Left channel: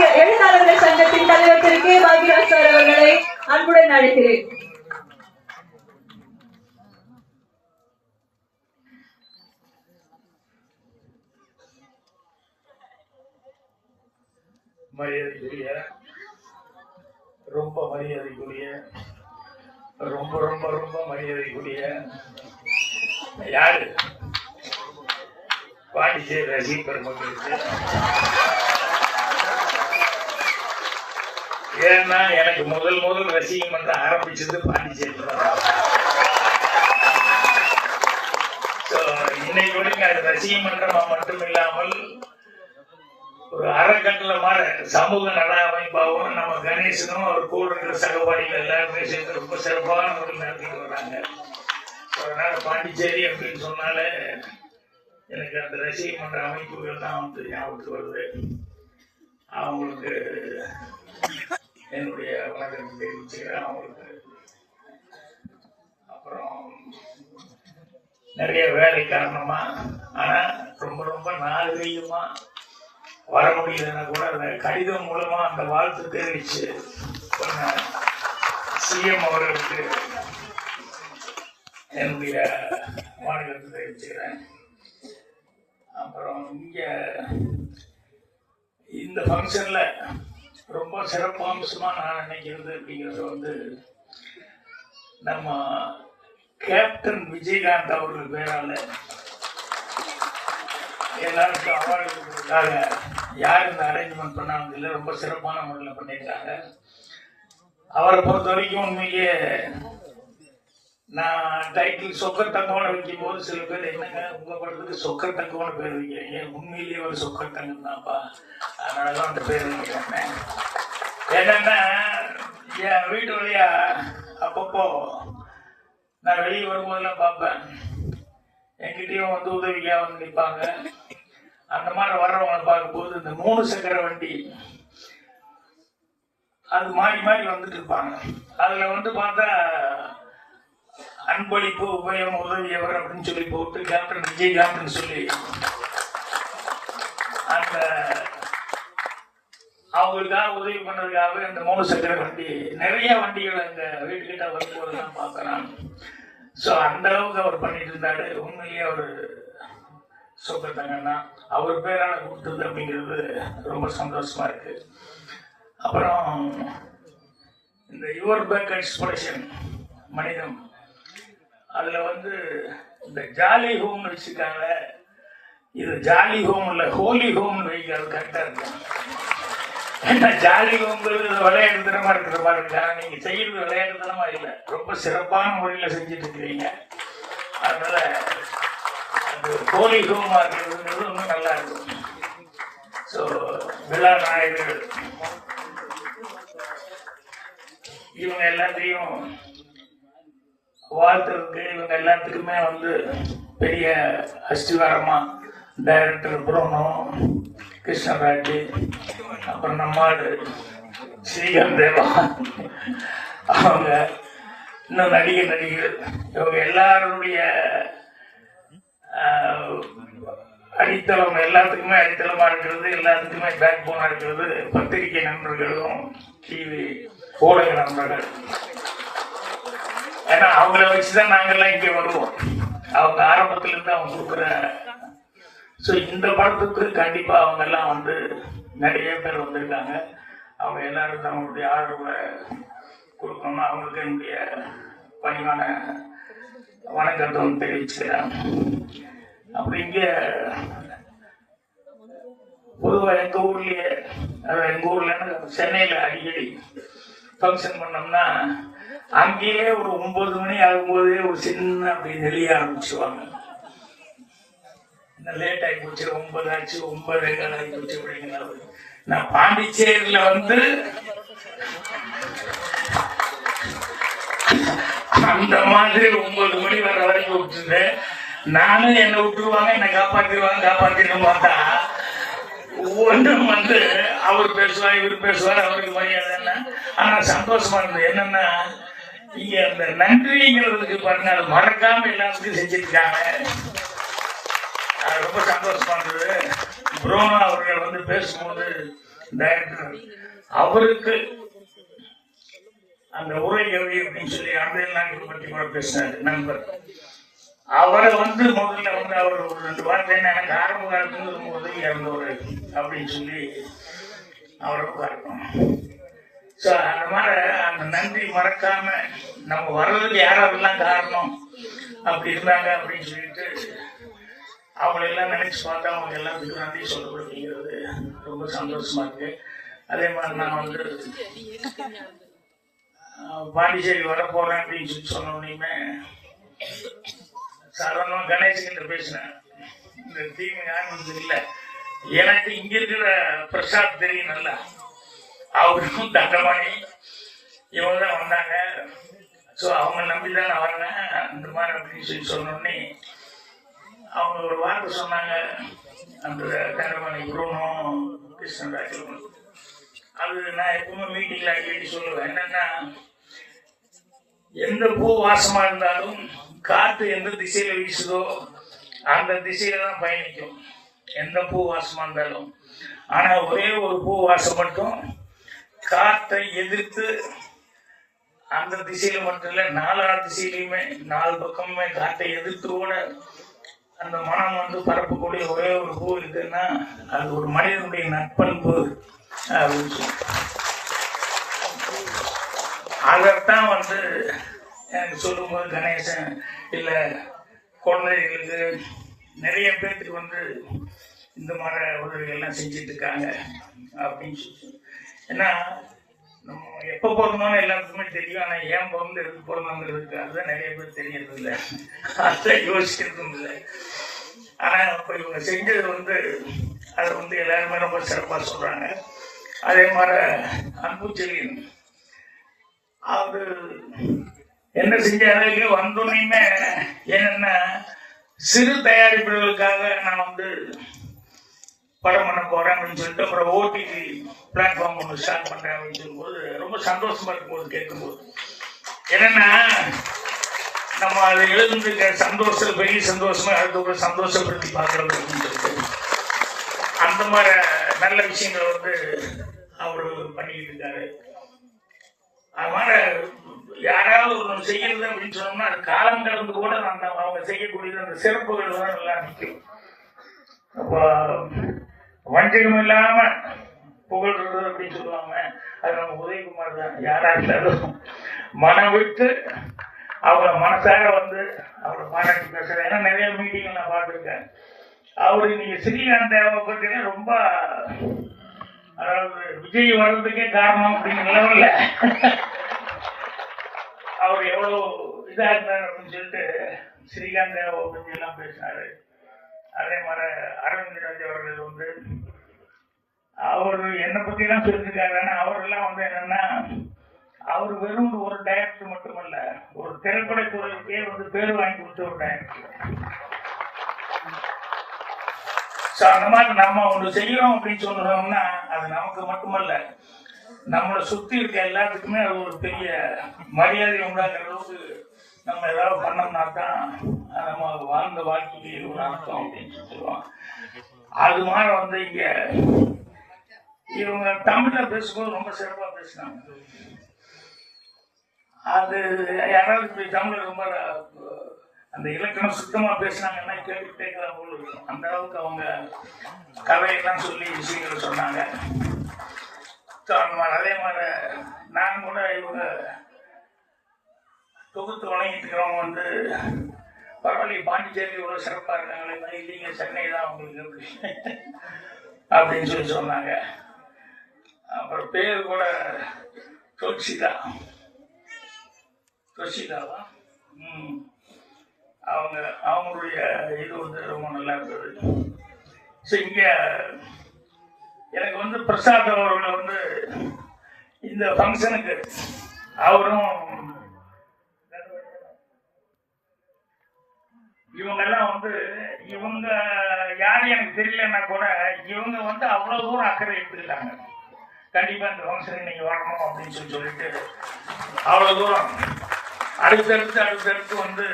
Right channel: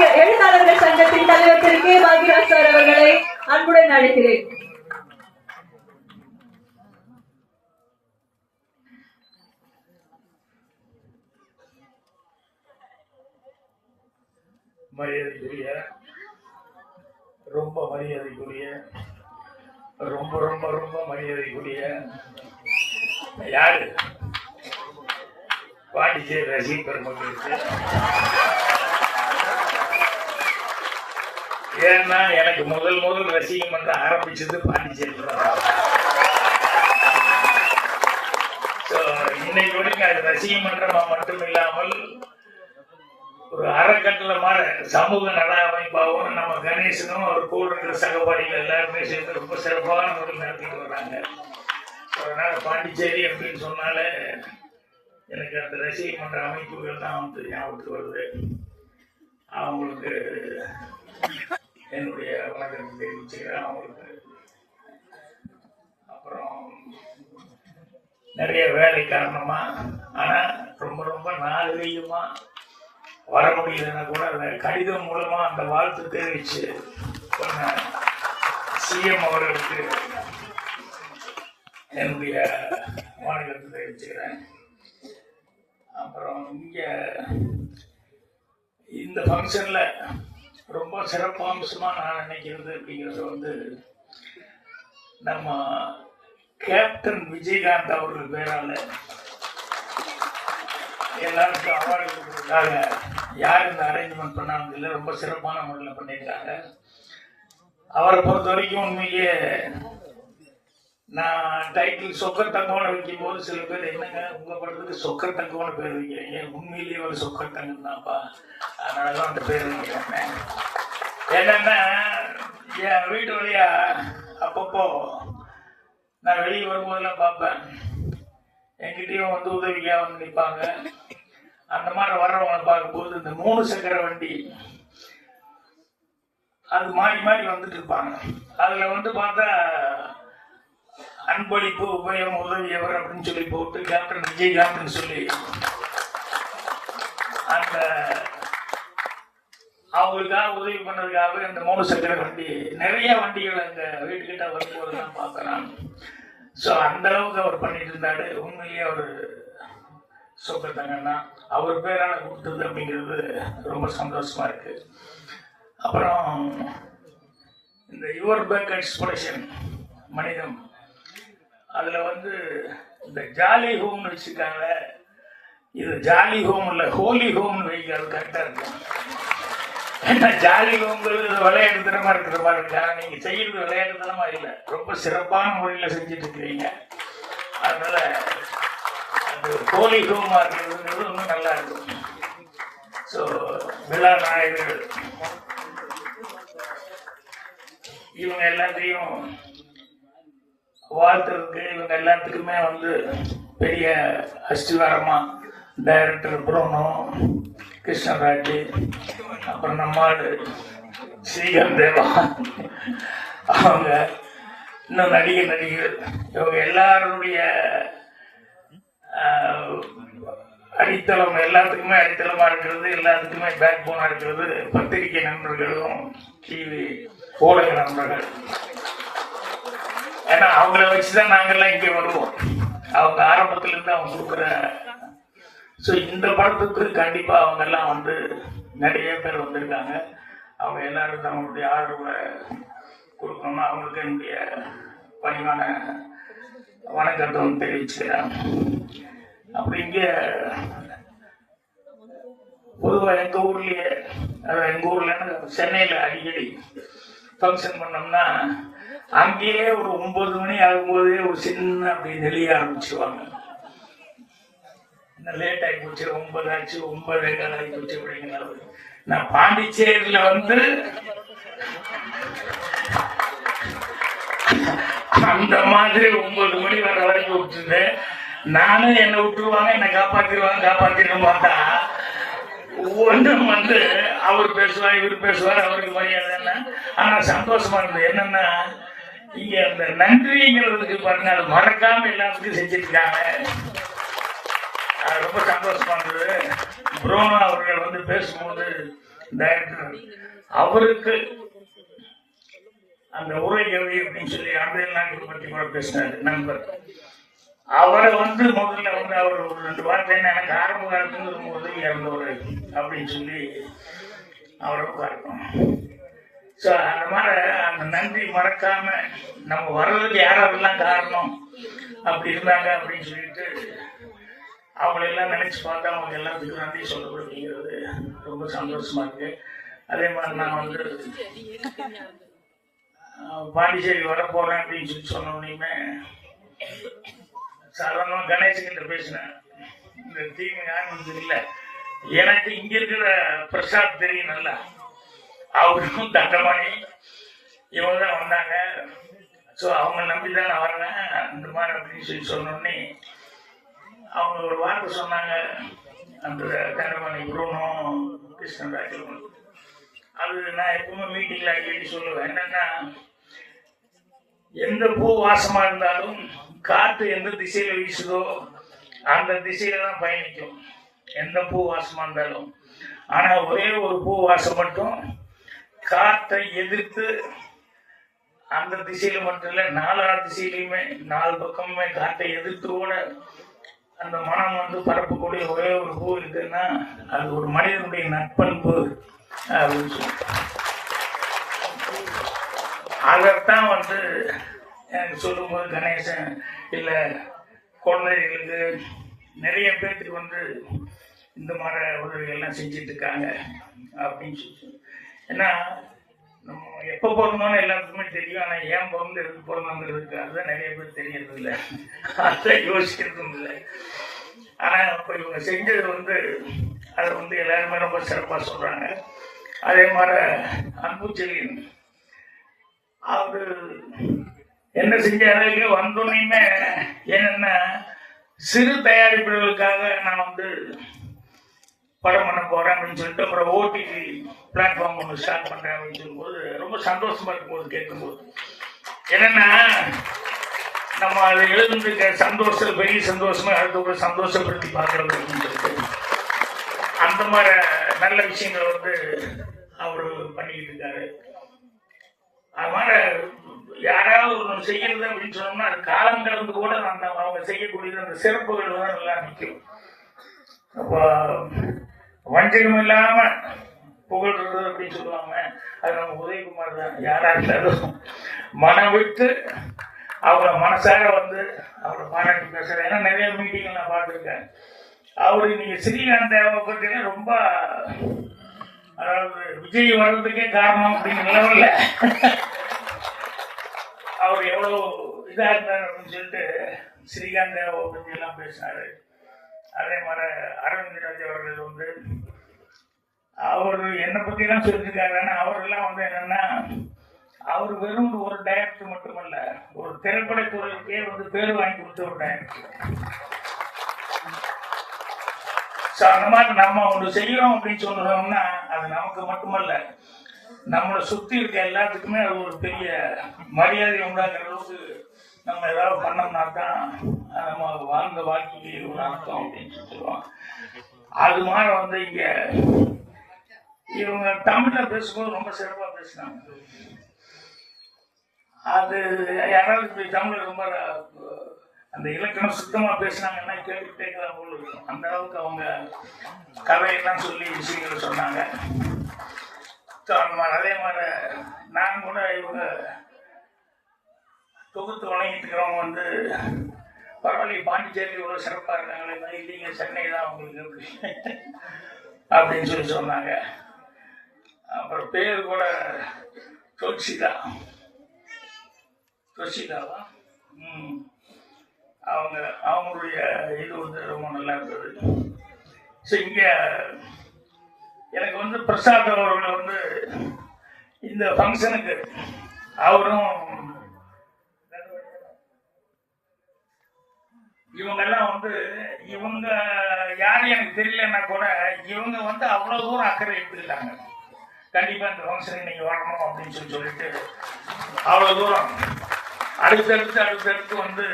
எழுத்தாளர்கள் சங்கத்தின் தலைவர் திரு கே பாக்யராஜ் அவர்களை அன்புடன் அழைக்கிறேன். மரியாதைக்குரிய ரொம்ப மரியாதைக்குரிய ரொம்ப ரொம்ப ரொம்ப மரியாதைக்குரிய யாரு பாண்டிச்சேரி ரசிக பெருமக்களுக்கு, ஏன்னா எனக்கு முதல் ரசிகம் வந்து ஆரம்பிச்சது பாண்டிச்சேரி. இன்னைக்கு வரைக்கும் அது ரசிகம் மன்றமா மட்டும் இல்லாமல் ஒரு அறக்கட்டளமான சமூக நல அமைப்பாகவும் நம்ம கணேசனும் அவர் கூட இருக்கிற சகபாடிகள் எல்லாருமே சேர்ந்து ரொம்ப சிறப்பான முறையில் நடத்திட்டு வர்றாங்க. அதனால பாண்டிச்சேரி அப்படின்னு சொன்னாலே எனக்கு அந்த ரசிக மன்ற அமைப்புகள் தான் வந்து ஞாபகத்துக்கு வருது. அவங்களுக்கு என்னுடைய வணக்கத்தை தெரிவிச்சுக்கிறேன். அவங்களுக்கு அப்புறம் நிறைய வேலை காரணமா ஆனா ரொம்ப ரொம்ப நாகரீகமா வர முடியலன்னா கூட அந்த கடிதம் மூலமா அந்த வாழ்த்து தெரிவிச்சு சிஎம் அவர்களுக்கு என்னுடைய மாநிலத்தை தெரிவிச்சுக்கிறேன். அப்புறம் இங்க இந்த ஃபங்க்ஷன்ல ரொம்ப சிறப்பம்சமா நான் நினைக்கிறது அப்படிங்கிறது வந்து நம்ம கேப்டன் விஜயகாந்த் அவர்கள் பேரால எல்லாருக்கும் அவார்டு கொடுத்ததுக்காக யார் இந்த அரேஞ்ச்மெண்ட் பண்ணாங்க இல்லை, ரொம்ப சிறப்பான முறையில் பண்ணியிருக்காங்க. அவரை பொறுத்த வரைக்கும் உண்மையே நான் டைட்டில் சொக்கர் தங்கோட வைக்கும் போது சில பேர் என்னங்க உங்க படத்துக்கு சொக்கர் தங்கோட பேர் வைக்கிறீங்க, உண்மையிலேயே ஒரு சொக்கர் தங்கம் தான்ப்பா, அதனாலதான் அந்த பேர் வைக்கிறேன். என்னன்னா என் வீட்டு வழியா அப்பப்போ நான் வெளியே வரும்போதெல்லாம் பார்ப்பேன், எங்கிட்டையும் வந்து உதவியா வந்து நிற்பாங்க. அந்த மாதிரி வர்றவங்களை பார்க்கும்போது இந்த 3 சக்கர வண்டி அது மாறி மாறி வந்துட்டு இருப்பாங்க. அதுல வந்து பார்த்தா அன்பளிப்பு உபயம் உதவியவர் அப்படின்னு சொல்லி போட்டு கேப்டன் விஜயகாந்த் சொல்லி அந்த அவங்களுக்காக உதவி பண்ணதுக்காக இந்த 3 சக்கர வண்டி நிறைய வண்டிகள் அந்த வீட்டுக்கிட்ட வரும்போது நான் பார்க்கலாம். ஸோ அந்த அளவுக்கு அவர் பண்ணிட்டு இருந்தாரு. உண்மையிலேயே அவர் சொக்கத்தாங்கன்னா அவர் பேரான கொடுத்தது அப்படிங்கிறது ரொம்ப சந்தோஷமா இருக்கு. அப்புறம் இந்த யுவர் பேக் எக்ஸ்பிரஷன் மனிதம் அதுல வந்து இந்த ஜாலி ஹோம் வச்சுக்காங்க. இது ஜாலி ஹோம் இல்ல ஹோலி ஹோம் வைக்கிறது கரெக்டா இருக்கும். ஏன்னா ஜாலி ஹோம்ங்கிறது விளையாடுத்தனமா இருக்கிற மாதிரி இருக்கு. ஆனா நீங்க செய்யறது விளையாடுத்தனமா இல்லை, ரொம்ப சிறப்பான முறையில செஞ்சுட்டு இருக்கிறீங்க. அதனால ஹோலி ஹோமா இருக்கிறது ரொம்ப நல்லா இருக்கும். ஸோ விழா நாயகர்கள் இவங்க எல்லாத்தையும் வாழ்த்துறதுக்கு இவங்க எல்லாத்துக்குமே வந்து பெரிய அஸ்திவாரமா டைரக்டர் புரோனோ கிருஷ்ணராஜ், அப்புறம் நம்மாடு ஸ்ரீகர் தேவா, அவங்க இன்னும் நடிகர்கள் இவங்க எல்லாருடைய அடித்தளம் எல்லாத்துக்குமே அடித்தளமா இருக்கிறது, எல்லாத்துக்குமே பேக் போனா இருக்கிறது பத்திரிகை நண்பர்களும் டிவி ஊடக நண்பர்கள். ஏன்னா அவங்கள வச்சுதான் நாங்கெல்லாம் இங்கே வருவோம். அவங்க ஆரம்பத்துல இருந்து அவங்க கொடுக்குற ஸோ இந்த படத்துக்கு கண்டிப்பா அவங்க எல்லாம் வந்து நிறைய பேர் வந்திருக்காங்க. அவங்க எல்லாருக்கும் அவங்களுடைய ஆதரவை கொடுக்கணும்னா அவங்களுக்கு என்னுடைய பணிவான வணக்கத்தை தெரிவிச்சுக்கிறாங்க. அப்படி இங்கே பொதுவாக எங்க ஊர்லயே எங்க ஊர்ல சென்னையில அடிக்கடி ஃபங்க்ஷன் பண்ணோம்னா அங்கேயே ஒரு 9 மணி ஆகும்போதே ஒரு சின்ன அப்படி நெளிய ஆரம்பிச்சுவாங்க. லேட் ஆகி போச்சு, 9 ஆச்சு, 9 ஆகி போச்சு அப்படிங்கிறது. நான் பாண்டிச்சேரியில வந்து அந்த மாதிரி 9 மணி வர வரைக்கும் விட்டுருந்தேன். நானும் என்னை விட்டுருவாங்க, என்னை காப்பாத்திருக்க மாட்டா. ஒன்றும் வந்து அவர் பேசுவார், இவர் பேசுவார், அவருக்கு மரியாதை என்ன. ஆனா சந்தோஷமா இருந்தது என்னன்னா இங்க அந்த நன்றிங்கிறதுக்கு பாருங்க, அது மறக்காம எல்லாத்துக்கும் செஞ்சிருக்காங்க. ரொம்ப சந்தோஷமா இருந்தது. புரோனோ அவர்கள் வந்து பேசும்போது டைரக்டர் அவருக்கு அந்த உரை எவி அப்படின்னு சொல்லி அன்றைய நாட்கள் பற்றி கூட பேசினார் நண்பர். அவரை முதல்ல அவர் ஒரு 2 வார்த்தை எனக்கு ஆரம்ப காலத்துல உதவி இருந்தவர் அப்படின்னு சொல்லி அவரை பார்க்கணும். ஸோ அந்த மாதிரி அந்த நன்றி மறக்காம நம்ம வர்றதுக்கு யாரெல்லாம் காரணம் அப்படி இருந்தாங்க அப்படின்னு சொல்லிட்டு அவங்களெல்லாம் நினைச்சு பார்த்தா அவங்க எல்லாத்துக்கும் நன்றி சொல்லப்படுங்கிறது ரொம்ப சந்தோஷமா இருக்கு. அதே மாதிரி நான் பாண்டிச்சேரி வரப்போறேன் அப்படின்னு சொல்லி சொன்ன உடனே சாதாரணமாக கணேசன் பேசினேன். இந்த தீமை யாரும் இல்லை, எனக்கு இங்க இருக்கிற பிரசாத் தெரியும் நல்லா, அவருக்கும் தண்டமணி இவங்க தான் வந்தாங்க. ஸோ அவங்க நம்பிதான் நான் வரேன் அந்த மாதிரி அப்படின்னு சொல்லி சொன்னோடனே அவங்க ஒரு வார்த்தை சொன்னாங்க. அந்த தண்டமணி குருனும் கிருஷ்ணராஜ் அது நான் எப்பவுமே மீட்டிங்ல அடிக்கடி சொல்லுவேன். என்னன்னா, எந்த பூ வாசமா இருந்தாலும் காற்று எந்த திசையில வீசுதோ அந்த திசையில தான் பயணிக்கும், எந்த பூ வாசமா இருந்தாலும். ஆனா ஒரே ஒரு பூ வாசம் மட்டும் காற்றை எதிர்த்து அந்த திசையில மட்டும் இல்ல, 4 திசையிலுமே 4 பக்கமுமே காற்றை எதிர்த்து கூட அந்த மனம் பரப்பக்கூடிய ஒரே ஒரு பூ இருக்குன்னா அது ஒரு மனிதனுடைய நட்பண்பு அப்படின்னு சொல்லி அதைத்தான் எனக்கு சொல்லும்போது கணேசன் இல்லை குழந்தைகளுக்கு நிறைய பேருக்கு இந்த மாதிரி உதவிகள்லாம் செஞ்சுட்டு இருக்காங்க அப்படின்னு சொல்லி. ஏன்னா நம்ம எப்போ போகணுமான எல்லாத்துக்குமே தெரியும், ஆனால் ஏன் போகணும் எதுக்கு போகணுங்கிறதுக்கு அதுதான் நிறைய பேர் தெரியறது இல்லை, அதுதான் யோசிக்கிறதும் இல்லை. ஆனால் இப்போ இவங்க செஞ்சது அதை எல்லாருமே ரொம்ப சிறப்பாக சொல்கிறாங்க. அதே மாதிரி அன்புச்செழியன் அவரு என்ன செஞ்சாரு வந்தோடனே என்னன்னா, சிறு தயாரிப்புகளுக்காக நான் படம் பண்ண போறேன் அப்படின்னு சொல்லிட்டு அப்புறம் ஓடிடி பிளாட்ஃபார்ம் ஒன்று ஸ்டார்ட் பண்றேன் அப்படின்னு சொல்லும்போது ரொம்ப சந்தோஷமா இருக்கும்போது கேட்கும்போது, என்னன்னா நம்ம அதை எழுதுறதுக்கு சந்தோஷம் பெரிய சந்தோஷமா அடுத்த சந்தோஷப்படுத்தி பார்க்கறது அப்படின்னு சொல்லிட்டு அந்த மாதிரி நல்ல விஷயங்கள் அவரு பண்ணிட்டு இருக்காரு. அதனால யாராவது ஒன்று செய்யறது அப்படின்னு சொன்னோம்னா அது காலம் கடந்து கூட அவங்க செய்யக்கூடியது அந்த சிறப்புகள் தான் நல்லா நிற்கும். அப்போ வஞ்சகம் இல்லாம புகழ்றது அப்படின்னு சொல்லுவாங்க, அது நம்ம உதயகுமார் தான். யாரா இருந்தாலும் மனம் விட்டு அவரை மனசார அவரை பாராட்டி பேசுறேன். ஏன்னா நிறைய மீட்டிங் நான் பார்த்துருக்கேன். அவரு நீங்க ஸ்ரீகாந்த் தேவை பத்தினா ரொம்ப, அதாவது விஜய் வர்றதுக்கே காரணம் அப்படின்னு நிலவில்ல அவர் எவ்வளவு இதா இருந்தார் அப்படின்னு சொல்லிட்டு ஸ்ரீகாந்த் தேவை பத்தி எல்லாம் பேசினாரு. அதே மாதிரி அரவிந்த் ராஜ் அவர்கள் அவரு என்னை பத்தி எல்லாம் சொல்லியிருக்காரு. அவரெல்லாம் என்னன்னா, அவர் வெறும் ஒரு டைரக்டர் மட்டுமல்ல, ஒரு திரைப்படத்துறைக்கே பேர் வாங்கி கொடுத்த ஒரு டைரக்டர். அந்த மாதிரி நம்ம ஒன்று செய்யறோம் அப்படின்னு சொல்றோம்னா அது நமக்கு மட்டுமல்ல, நம்மளை சுத்தி இருக்க எல்லாத்துக்குமே அது ஒரு பெரிய மரியாதை உண்டாக்குற அளவுக்கு நம்ம ஏதாவது பண்ணோம்னா தான் நம்ம வாழ்ந்த வாழ்க்கைக்கு ஒரு அர்த்தம் அப்படின்னு சொல்லுவோம். அது மாதிரி இங்க இவங்க தமிழ்ல பேசும்போது ரொம்ப சிறப்பா பேசினாங்க. அது யாராவது தமிழ்ல ரொம்ப அந்த இலக்கணம் சுத்தமா பேசினாங்கன்னா கேட்டுக்கிட்டே போல இருக்கும். அந்த அளவுக்கு அவங்க கதையெல்லாம் சொல்லி விஷயங்கள் சொன்னாங்க. அதே மாதிரி நான் கூட இவங்க தொகுத்து வழங்கிட்டு இருக்கிறவங்க பரவாயில்ல, பாண்டிச்சேரி இவ்வளவு சிறப்பா இருக்காங்களே, இல்லைங்க சென்னை தான் உங்களுக்கு அப்படின்னு சொல்லி சொன்னாங்க. அப்புறம் பேர் கூட தொஷிதாவா அவங்களுடைய இது ரொம்ப நல்லா இருந்தது. இங்க எனக்கு பிரசாத் அவர்கள் இந்த ஃபங்க்ஷனுக்கு அவரும் இவங்கெல்லாம் இவங்க யாரும் எனக்கு தெரியலன்னா கூட இவங்க அவ்வளவு தூரம் அக்கறை எடுத்துக்கிட்டாங்க. கண்டிப்பா இந்த ஃபங்க்ஷனுக்கு நீங்க வரணும் அப்படின்னு சொல்லிட்டு அவ்வளவு தூரம் அடுத்தடுத்து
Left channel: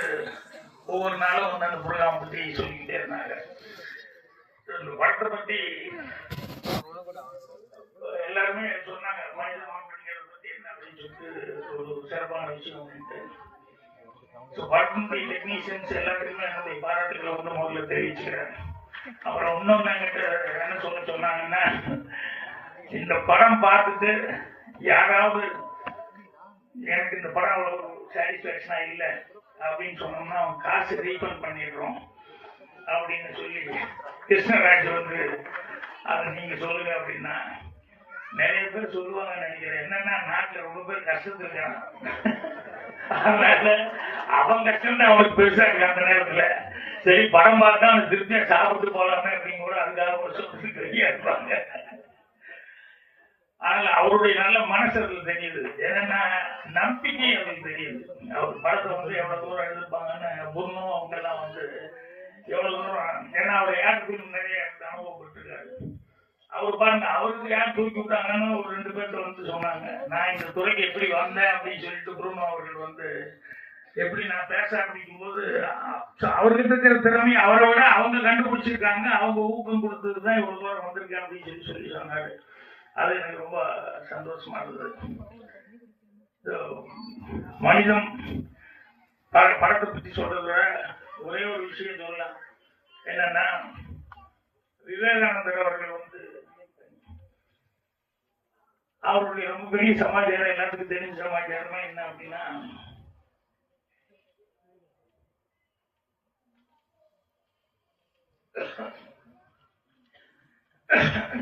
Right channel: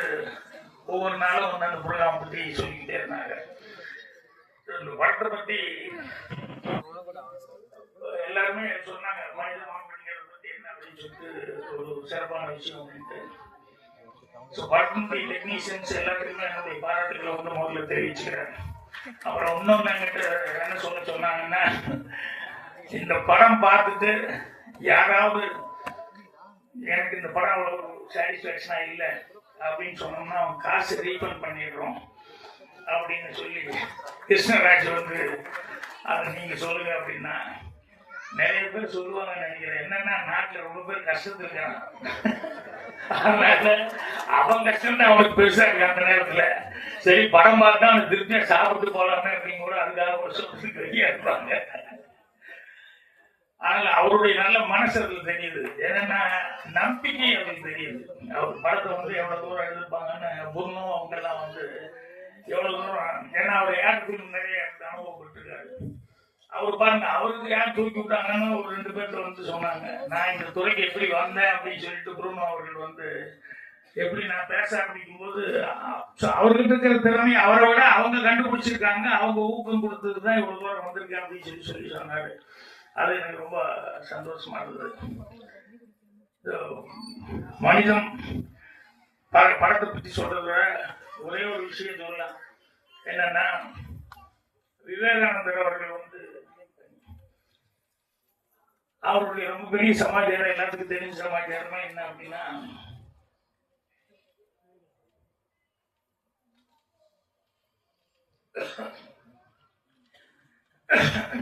ஒவ்வொரு நாளும் அந்த ப்ரோக்ராம் பற்றி சொல்லிக்கிட்டே இருந்தாங்க. படத்தை பற்றி எல்லாருமே சொன்னாங்க மனிதம் அப்படிங்கிறத பத்தி என்ன அப்படின்னு சொல்லிட்டு ஒரு சிறப்பான விஷயம் அப்படின்ட்டு. ஸோ படத்தினுடைய டெக்னீஷியன்ஸ் எல்லாத்துக்குமே என்னுடைய பாராட்டுகளை வந்து முதல்ல தெரிவிச்சுக்கிறேன். அப்புறம் இன்னொன்று என்கிட்ட என்ன சொன்னாங்கன்னா, இந்த படம் பார்த்துட்டு யாராவது எனக்கு இந்த படம் அவ்வளோ சாட்டிஸ்ஃபேக்ஷனா இல்லை அப்படின்னு சொன்னோம்னா அவங்க காசு ரீஃபண்ட் பண்ணிடுறோம் அப்படின்னு சொல்லி கிருஷ்ணராஜ் வந்து அதை நீங்க சொல்லுங்க அப்படின்னா நிறைய பேர் சொல்லுவாங்க நினைக்கிறேன். என்னன்னா நாட்டில் ரொம்ப பேர் கஷ்டத்துல இருக்கிறான், அதனால அவன் கஷ்டம் தான் அவனுக்கு பெருசா இருக்கு. அந்த நேரத்துல சரி படம் பார்த்தா அவன் திருப்தியா சாப்பிட்டு போலாமே அப்படின்னு கூட அதுக்காக ஒரு சொல்றதுக்கு ரெடியா இருப்பாங்க. அதனால அவருடைய நல்ல மனசு அதுல தெரியுது. என்னன்னா நம்பிக்கை அவங்களுக்கு தெரியுது. அவர் படத்தை வந்து எவ்வளவு தூரம் எழுதிருப்பாங்கன்னு பொண்ணும் அவங்க எல்லாம் வந்து எவ்வளவு தூரம், ஏன்னா அவர் யாருக்கு நிறைய அனுபவப்பட்டிருக்காரு. அவர் பாருங்க, அவருக்கு யார் தூக்கி விட்டாங்கன்னு ஒரு 2 பேர்த்த வந்து சொன்னாங்க. நான் இந்த துறைக்கு எப்படி வந்தேன் அப்படின்னு சொல்லிட்டு புருணோ அவர்கள் வந்து எப்படி நான் பேச ஆரம்பிக்கும் போது அவர்கிட்ட இருக்கிற திறமை அவரை விட அவங்க கண்டுபிடிச்சிருக்காங்க, அவங்க ஊக்கம் கொடுத்தது தான் இவ்வளவு தூரம் வந்திருக்கேன் அப்படின்னு சொல்லி சொன்னாரு. அது எனக்கு ரொம்ப சந்தோஷமா இருந்தது. மனிதம் படத்தை பத்தி சொல்றத ஒரே ஒரு விஷயம் சொல்லலாம். என்னன்னா விவேகானந்தர் அவர்கள் வந்து அவருடைய ரொம்ப பெரிய சமாச்சாரம் எல்லாத்துக்கும் தெரிஞ்ச சமாச்சாரமா என்ன அப்படின்னா,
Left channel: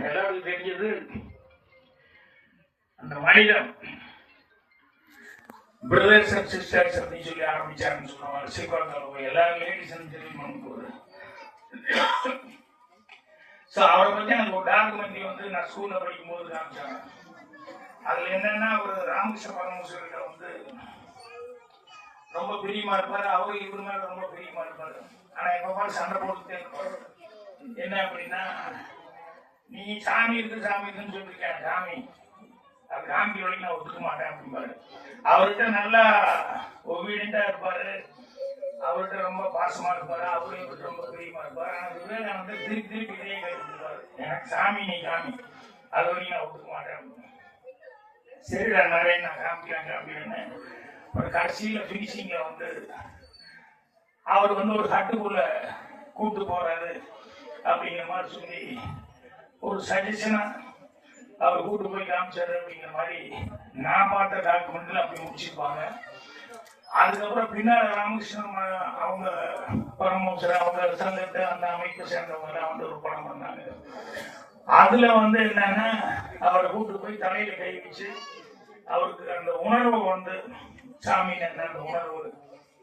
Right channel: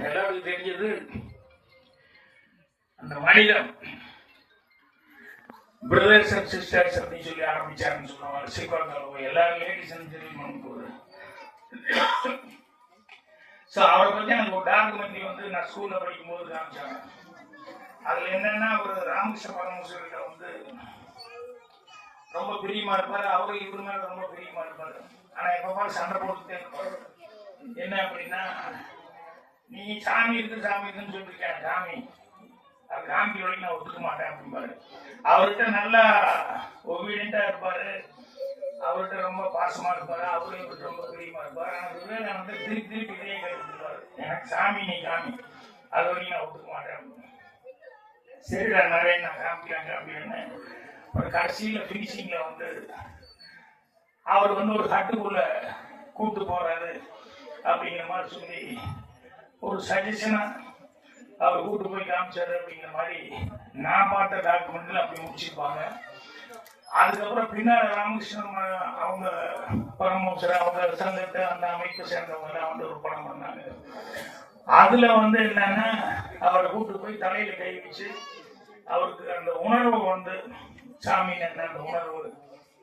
எல்லாருக்கும் தெரிஞ்சது அந்த மனிதம் பிரதர்ஸ் அண்ட் சிஸ்டர்ஸ் அப்படின்னு சொல்லி ஆரம்பிச்சாருன்னு சொல்லுவாங்க. ஸ்ரீகுமார் எல்லாரும் லேடிஸ் பண்ணும்போது அவரை பத்தி எனக்கு ஒரு டாக்குமெண்ட்ரி வந்து நான் ஸ்கூல்ல படிக்கும் போது காமிச்சாங்க. அதுல என்னன்னா ஒரு ராமகிருஷ்ண பரமஹம்சர்கிட்ட வந்து ரொம்ப பிரியமா இருப்பாரு, அவரு இவரு மேல ரொம்ப பிரியமா இருப்பாரு. ஆனா எப்ப சண்டை போட்டுட்டே இருப்பாரு. என்ன அப்படின்னா, நீ சாமி இருக்குன்னு சொல்லிருக்க, சாமி அது காமி வழி நான் ஒத்துக்க மாட்டேன் அப்படிம்பாரு. அவர்கிட்ட நல்லா ஒபீடியண்டா இருப்பாரு, அவர்கிட்ட ரொம்ப பாசமா இருப்பாரு, அவருக்கு ரொம்ப பிரியமா இருப்பாரு. ஆனா விவேகானந்தர் திருப்பி இதே கேட்டுருப்பாரு, எனக்கு சாமி நீ காமி, அது வரையும் நான் ஒத்துக்க மாட்டேன். சரிடா நிறைய நான் காமிக்கிறாங்க அப்படின்னு ஒரு கடைசியில பினிஷிங்ல வந்து அவர் வந்து ஒரு ஹட்டுக்குள்ள கூப்பிட்டு போறாரு அப்படிங்கிற மாதிரி சொல்லி ஒரு சஜஷனா அவர் கூட்டு போய் காமிச்சாரு அப்படிங்கிற மாதிரி நான் பார்த்த டாக்குமெண்ட்ல அப்படி முடிச்சிருப்பாங்க. அதுக்கப்புறம் பின்னாடி ராமகிருஷ்ணன் அவங்க பரமஹம்சர் அவங்க சங்கத்தை அந்த அமைப்பு சேர்ந்தவங்க வந்து ஒரு படம் பண்ணாங்க. அதுல வந்து என்னன்னா அவரை கூப்பிட்டு போய் தலையில கை வச்சு அவருக்கு அந்த உணர்வு வந்து சாமி என்ன அந்த உணர்வு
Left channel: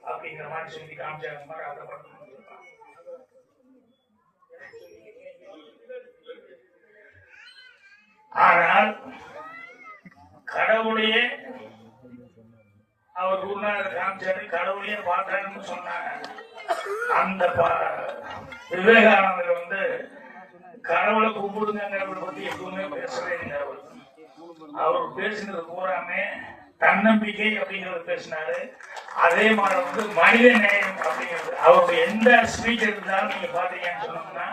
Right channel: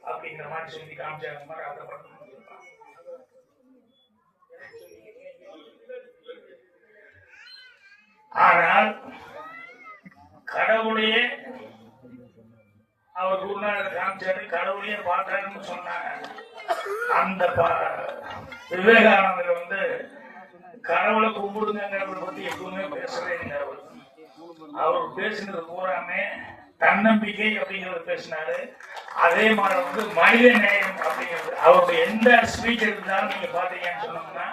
அப்படிங்கிற மாதிரி சொல்லி காமிச்சாரு மாதிரி அந்த படம். ஆனால் கடவுளையே அவர் குருநாதர் காமிச்சாரு, கடவுளையே பார்க்கணும்னு சொன்னாங்க. அந்த விவேகானந்தர் வந்து கடவுளை கும்பிடுங்கிறத பத்தி எப்பவுமே பேசவே இல்லை. அவர் பேசினது பூராமே தன்னம்பிக்கை அப்படிங்கிறது பேசினாரு. அதே மாதிரி வந்து மனித நேயம் அப்படிங்கிறது அவருடைய எந்த ஸ்பீச் இருந்தாலும் நீங்க பாத்தீங்கன்னு சொன்னோம்னா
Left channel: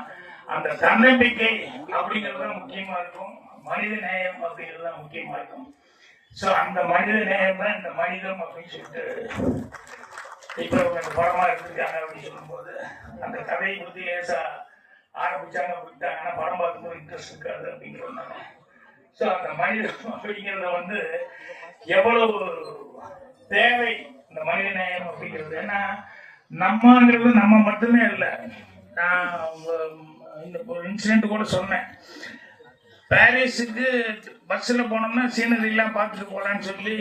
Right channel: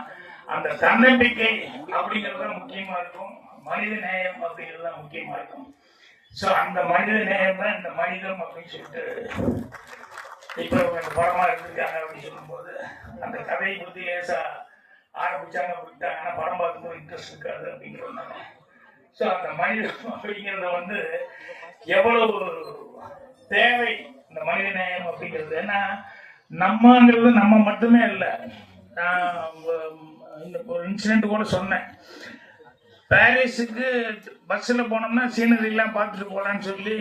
அந்த தன்னம்பிக்கை அப்படிங்கிறது முக்கியமா இருக்கும், மனித நேயம் அப்படிங்கிறது முக்கியமா இருக்கும். சோ அந்த மனித நேயம் தான் இந்த மனிதம் அப்படின்னு சொல்லிட்டு இப்ப படமா எடுத்துருக்காங்க அப்படின்னு சொல்லும் போது அந்த கதையை பத்தி லேசா ஆரம்பிச்சாங்க அப்படின்ட்டாங்கன்னா படம் பார்க்கும்போது இன்ட்ரெஸ்ட் இருக்காது அப்படிங்கிறதுனால. சோ அந்த மனிதம் அப்படிங்கிறத வந்து எவ்வளவு தேவை இந்த மனித நேயம் அப்படிங்கிறது. ஏன்னா நம்மங்கிறது நம்ம மட்டுமே இல்லை. நான் இந்த ஒரு இன்சிடென்ட் கூட சொன்னேன். பாரிஸுக்கு பஸ்ல போனோம்னா சீனரி எல்லாம் பார்த்துட்டு போகலான்னு சொல்லி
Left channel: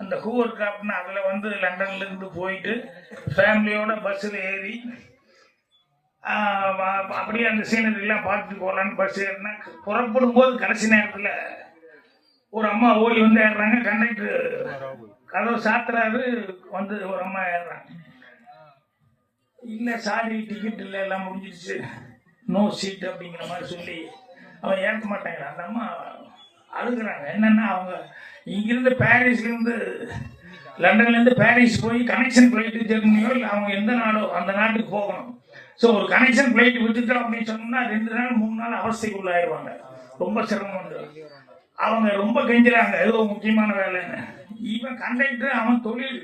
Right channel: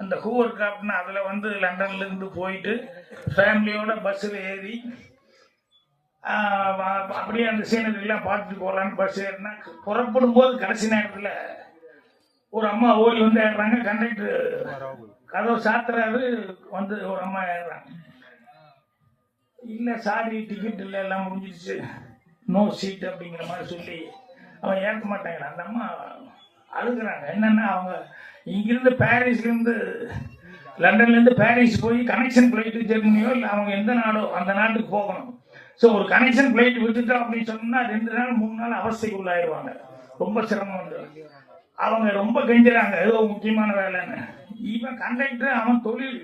அந்த ஹூவர் கிராப்ட்னு அதுல வந்து லண்டன்ல இருந்து போயிட்டு ஃபேமிலியோட பஸ்ல ஏறி அப்படியே அந்த சீனரி எல்லாம் பார்த்துட்டு போகலான்னு பஸ் ஏறினா புறப்படும் போது கடைசி நேரத்துல ஒரு அம்மா ஓடி வந்து ஏறுறாங்க. கண்டக்டர் கதவு சாத்துறாரு, வந்து ஒரு அம்மா ஏறுறாங்க. இல்ல சாரி டிக்கெட் இல்லை, எல்லாம் முடிஞ்சிருச்சு, நோ சீட் அப்படிங்கிற மாதிரி சொல்லி அவன் ஏற்க மாட்டேங்கிறான். அந்த அம்மா அழுகுறாங்க. என்னன்னா அவங்க இங்கிருந்து பாரிஸ்ல இருந்து லண்டன்ல இருந்து பாரிஸ் போய் கனெக்ஷன் பிளைட் ஜெர்மனியோ இல்லை அவங்க எந்த நாடோ அந்த நாட்டுக்கு போகணும். ஸோ ஒரு கனெக்ஷன் பிளைட் விட்டுட்டோம் அப்படின்னு சொன்னோம்னா 2 நாள் 3 நாள் அவஸ்தைக்குள்ளாயிருவாங்க, ரொம்ப சிரமம் வந்துடும். அவங்க ரொம்ப கெஞ்சுறாங்க ஏதோ முக்கியமான வேலைன்னு. இவன் கண்டக்டர் அவன் தொழில்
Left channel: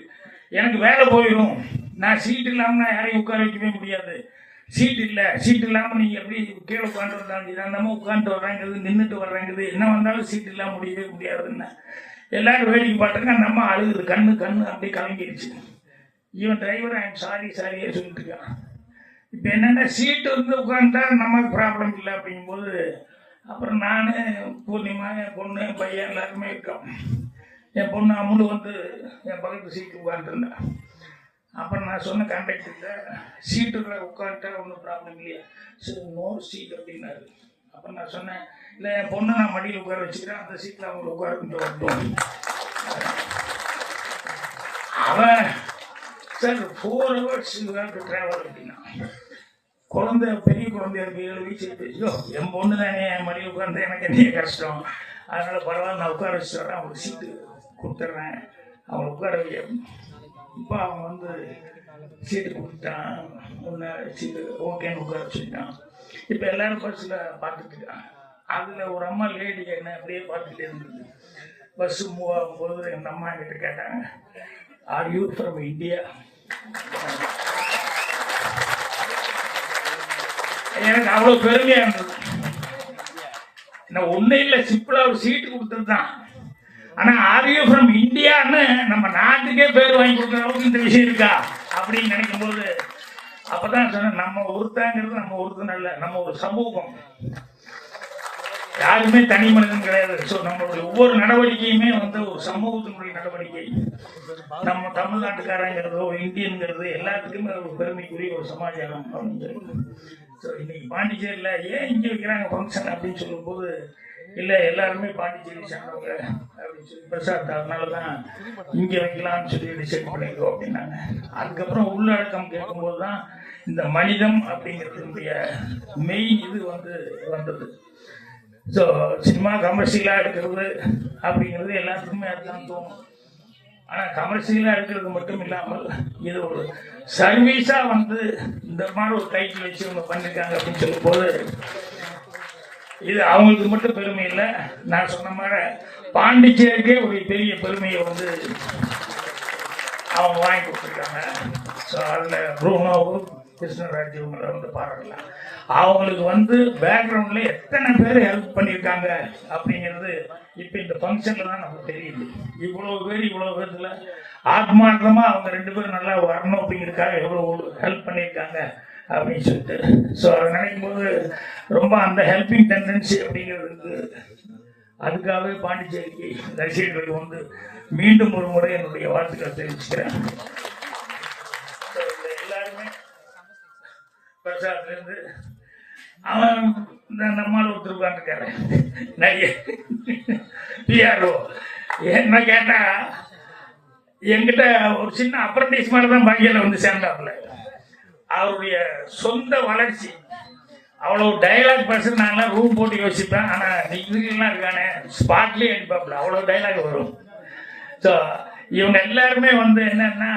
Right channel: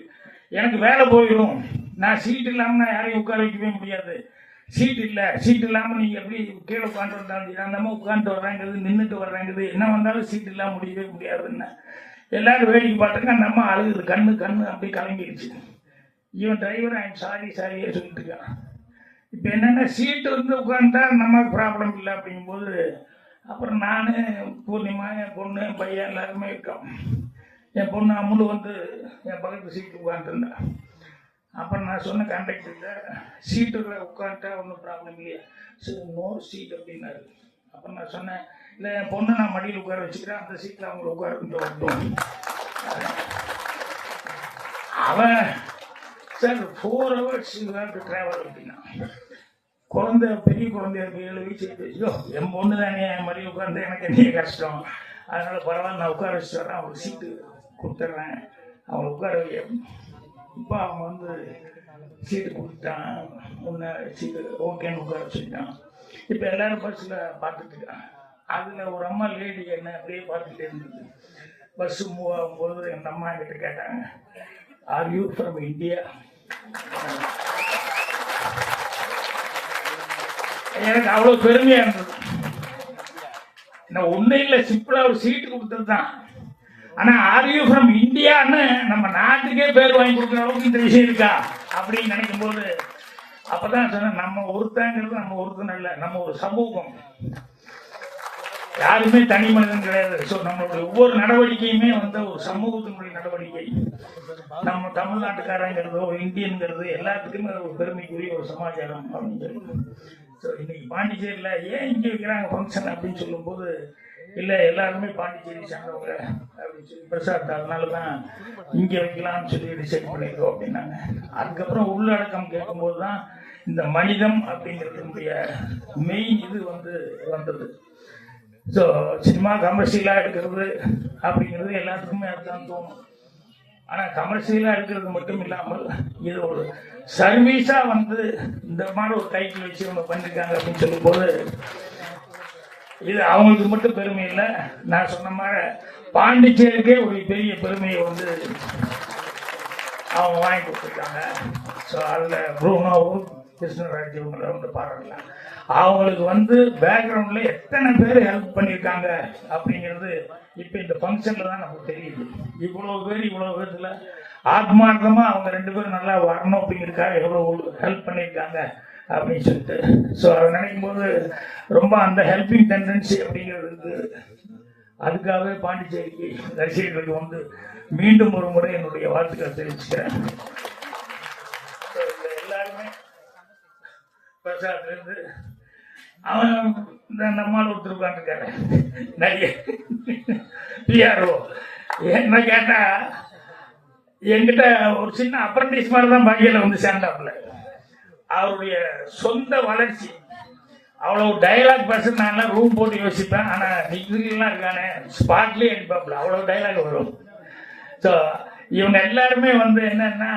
எனக்கு வேலை போயிடும், நான் சீட் இல்லாமல் நான் யாரையும் உட்கார வைக்கவே முடியாது, சீட் இல்லை, சீட் இல்லாமல் நீங்கள் எப்படி கீழே உட்காந்துருந்தாங்க, நான் நம்ம உட்காந்துட்டு வர்றேங்கிறது நின்றுட்டு வர்றேங்கிறது என்ன வந்தாலும் சீட் இல்லாமல் முடியவே முடியாதுன்னு எல்லாரும் வேடிக்கை பார்த்துருக்கா. நம்ம அழுகுது, கண்ணு அப்படியே கலங்கிடுச்சு. இவன் டிரைவர் ஐம் சாரியே சொல்லிட்டு இருக்கான். இப்போ என்னென்ன சீட்டு வந்து உட்காந்துட்டா நமக்கு ப்ராப்ளம் இல்லை அப்படிங்கும்போது அப்புறம் நான் பூர்ணிமா என் பொண்ணு என் பையன் எல்லாருமே இருக்கோம். என் பொண்ணு அமுலு வந்து என் பக்கத்து சீட்டு உட்காந்துருந்தேன். அப்புறம் நான் சொன்ன கண்டக்டர்கிட்ட சீட்டுக்குள்ள உட்காந்துட்டா ஒன்றும் ப்ராப்ளம் இல்லையா, சரி நோ சீட் அப்படின்னாரு. அப்புறம் நான் சொன்னேன் இல்லை என் பொண்ணு நான் மடியில் உட்கார வச்சுக்கிறேன், அந்த சீட்டில் அவங்க உட்கார. அவன் சார் 4 hours ட்ராவல் அப்படின்னா குழந்தை பெரிய குழந்தைய இருக்கு 7 வயசு. என் பொண்ணு தானே என் மடியில் உட்காந்து எனக்கு என்ன கஷ்டம், அதனால் பரவாயில்ல நான் உட்கார வச்சு தரேன், அவங்களுக்கு சீட்டு கொடுத்துட்றேன், அவங்க உட்கார வைக்க. இப்போ அவன் வந்து சீட்டு கொடுத்துட்டான், ஒன்று சீட்டு ஓகேன்னு உட்கார வச்சுட்டான். இப்போ எல்லாரும் பஸ்ஸில் பார்த்துட்டு இருக்கான். அதில் ஒரு அம்மா லேடி என்ன அப்படியே பார்த்துட்டே இருந்தது. பஸ்ஸு மூவ் ஆகும்போது எங்கள் அம்மா கிட்ட கேட்டாங்க, ஆர் யூ ஃப்ரம் இந்தியா? எனக்கு அவ்வளோ பெருமையாக இருந்தது. நான் ஒன்றும் இல்லை, சிம்பிளாக ஒரு சீட்டு கொடுத்தது தான். ஆனால் ஆர் ஃப்ரம் இந்தியான்னு நம்ம நாட்டுக்கே பேர் வாங்கி கொடுக்குற அளவுக்கு இந்த விஷயம் இருக்கா அப்படின்னு நினைக்கும் போது அப்பதான் சொன்னேன், நம்ம ஒருத்தங்கிறது நம்ம ஒருத்தன் இல்லை, நம்ம ஒரு சமூகம், யாருமே தனி மனிதன் கிடையாது. ஸோ நம்மளுடைய ஒவ்வொரு நடவடிக்கையுமே வந்து ஒரு சமூகத்தினுடைய நடவடிக்கை. நம்ம தமிழ்நாட்டுக்காரங்கிறதோ இந்தியன்கிறது எல்லாத்துக்குமே ஒரு பெருமைக்குரிய ஒரு சமாச்சாரம் அப்படின்னு சொல்லுவோம். ஸோ இன்னைக்கு பாண்டிச்சேரியில் ஏன் இங்கே வைக்கிறாங்க ஃபங்க்ஷன் அப்படின்னு சொல்லும்போது, இல்லை எல்லாருமே பாண்டிச்சேரி சேர்ந்தவங்க அப்படின்னு சொல்லி பிரசாத், அதனால தான் இங்கே வைக்கலாம்னு சொல்லி டிசைட் பண்ணியிருக்கோம் அப்படின்னாங்க. அதுக்கப்புறம் உள்ளடக்கம் கேட்கும்போது தான் இந்த மனிதம் அப்படிங்கிறதுடைய மெயின் இது வந்து வந்தது. ஸோ சினிமா கமர்ஷியலாக எடுக்கிறது அப்படிங்கிறது எல்லாத்துக்குமே அதுதான் தோணும். ஆனால் கமர்ஷியலாக எடுக்கிறது மட்டும் இல்லாமல் இது ஒரு சர்வீஸாக வந்து இந்த மாதிரி ஒரு டைட்டில் வச்சு ஒன்று பண்ணியிருக்காங்க அப்படின்னு சொல்லும்போது இது அவங்களுக்கு மட்டும் பெருமை இல்லை, நான் சொன்ன மாதிரி பாண்டிச்சேரிக்கே ஒரு பெரிய பெருமையை வந்து அவங்க வாங்கி கொடுத்துருக்காங்க. ஸோ அதில் ப்ரூனோவும் கிருஷ்ணராஜ் இவங்களை வந்து பாராட்டலாம். அவங்களுக்கு வந்து பேக்ரவுண்டில் எத்தனை பேர் ஹெல்ப் பண்ணியிருக்காங்க அப்படிங்கிறது இப்போ இந்த ஃபங்க்ஷனில் தான் நமக்கு தெரியுது. இவ்வளோ பேரில் ஆத்மார்த்தமாக அவங்க 2 பேரும் நல்லா வரணும் அப்படிங்கிறதுக்காக எவ்வளோ ஹெல்ப் பண்ணியிருக்காங்க அப்படின்னு சொல்லிட்டு. ஸோ அதை நினைக்கும் போது ரொம்ப அந்த ஹெல்பிங் டெண்டன்சி அப்படிங்கிறதுக்கு அதுக்காகவே பாண்டிச்சேரிக்கு ரசிகர்களுக்கு வந்து மீண்டும் ஒரு முறை என்னுடைய வாழ்த்துக்களை தெரிவிச்சுக்கிறேன். எல்லாருமே பிரசாத்லேருந்து அவன் இந்த நம்மால் ஒருத்தருக்கான்னு நிறைய பிஆர்ஓ என்ன கேட்டால் என்கிட்ட ஒரு சின்ன அப்ரண்டிஸ் மாதிரி தான் பையில வந்து சேர்ந்தாப்புல. அவருடைய சொந்த வளர்ச்சி அவ்வளோ டைலாக் பர்சனால ரூம் போட்டு யோசிப்பேன். ஆனால் டிகிரிலாம் இருக்கானே ஸ்பாட்லேயே அடிப்பாப்புல, அவ்வளோ டைலாக் வரும். ஸோ இவங்க எல்லாருமே வந்து என்னன்னா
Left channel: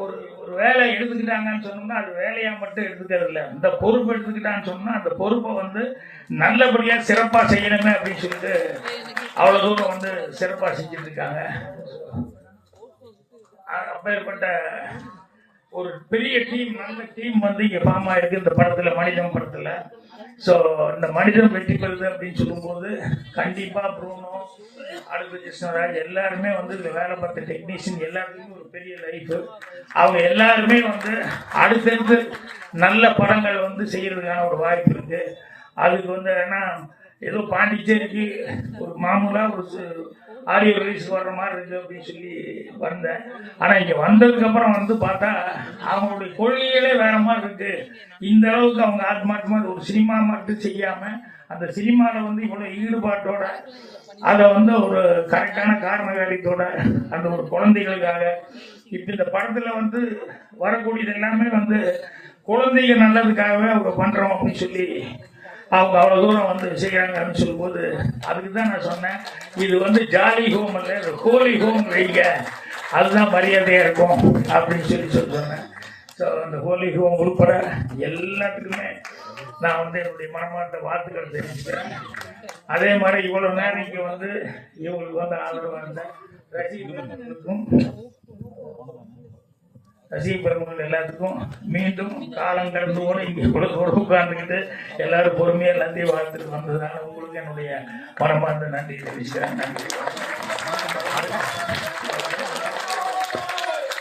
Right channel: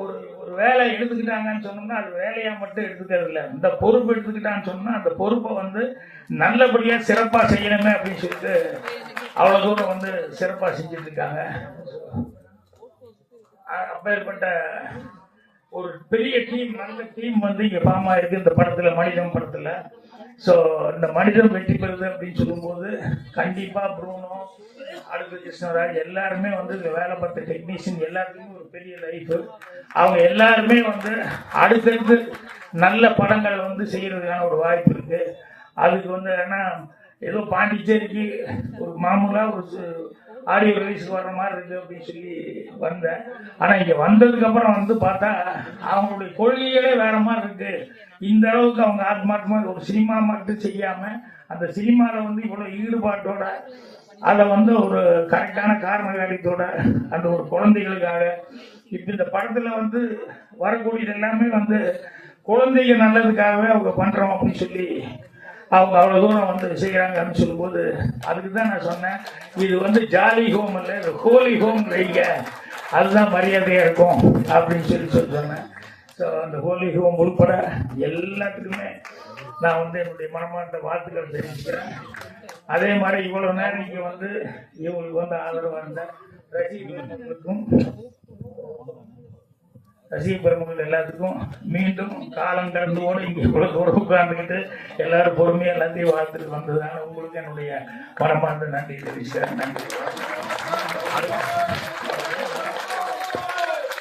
ஒரு ஒரு வேலையை எடுத்துக்கிட்டாங்கன்னு சொன்னோம்னா அது வேலையாக மட்டும் எடுத்துக்கிறது இல்லை, இந்த பொறுப்பு எடுத்துக்கிட்டான்னு சொன்னால் அந்த பொறுப்பை வந்து நல்லபடியாக சிறப்பாக செய்யணுங்க அப்படின்னு சொல்லிட்டு அவ்வளோ தூரம் வந்து சிறப்பாக செஞ்சுட்டு இருக்காங்க. அப்பேற்பட்ட ஒரு பெரிய டீம், நல்ல டீம் வந்து இங்கே ஃபார்ம் ஆயிருக்கு இந்த படத்தில், மனிதன் படத்தில். ஸோ இந்த மனிதன் வெற்றி பெறுது அப்படின்னு சொல்லும்போது கண்டிப்பாக ப்ரூனோ, அடுத்து கிருஷ்ணராஜ் எல்லாருமே வந்து வேலை பார்த்த டெக்னீஷியன் எல்லாத்துக்குமே ஒரு பெரிய லைஃப். அவங்க எல்லாருமே வந்து அடுத்தடுத்து நல்ல படங்கள் வந்து செய்யறதுக்கான ஒரு வாய்ப்பு இருக்கு. அதுக்கு வந்து ஏன்னா ஏதோ பாண்டிச்சேரிக்கு ஒரு மாமூலாக ஒரு ஆடியோ ரிலீஸ் வர்ற மாதிரி இருக்கு அப்படின்னு சொல்லி வந்தேன். ஆனால் இங்கே வந்ததுக்கப்புறம் வந்து பார்த்தா அவங்களுடைய கொள்கைகளே வேற மாதிரி இருக்கு. இந்த அளவுக்கு அவங்க ஆத்மார்த்தமாக ஒரு சினிமா மட்டும் செய்யாமல் அந்த சினிமாவில் வந்து இவ்வளோ ஈடுபாட்டோட அதை வந்து ஒரு கரெக்டான காரண காரியத்தோட அந்த ஒரு குழந்தைகளுக்காக இப்போ இந்த படத்தில் வந்து வரக்கூடியது எல்லாமே வந்து குழந்தைங்க நல்லதுக்காகவே அவங்க பண்ணுறோம் அப்படின்னு சொல்லி அவங்க அவ்வளோ தூரம் வந்து செய்கிறாங்க அப்படின்னு சொல்லும்போது அதுக்கு தான் நான் சொன்னேன், இது வந்து ஜாலி ஹோம் இல்லை, ஹோலி ஹோம் வைங்க, அதுதான் மரியாதையாக இருக்கும் அப்படின்னு சொல்லி சொன்னேன். ஸோ அந்த ஹோலி ஹோம் உள்பட எல்லாத்துக்குமே நான் வந்து என்னுடைய மனமார்ந்த வாழ்த்துக்கள் தெரிவிச்சுக்கிறேன். அதே மாதிரி இவ்வளவு நேரம் இங்க வந்து இவங்களுக்கு வந்து ஆதரவு வந்த ரசிகர்களுக்கும் ரசிக பெருமக்கள் எல்லாத்துக்கும் மீண்டும் காலம் கடந்தோடு இங்கே இவ்வளவு தூரம் உட்கார்ந்துக்கிட்டு எல்லாரும் பொறுமையாக எல்லாத்தையும் வாழ்த்துட்டு வந்ததுனால உங்களுக்கு என்னுடைய மனமார்ந்த நன்றி தெரிவிக்கிறேன். நன்றி.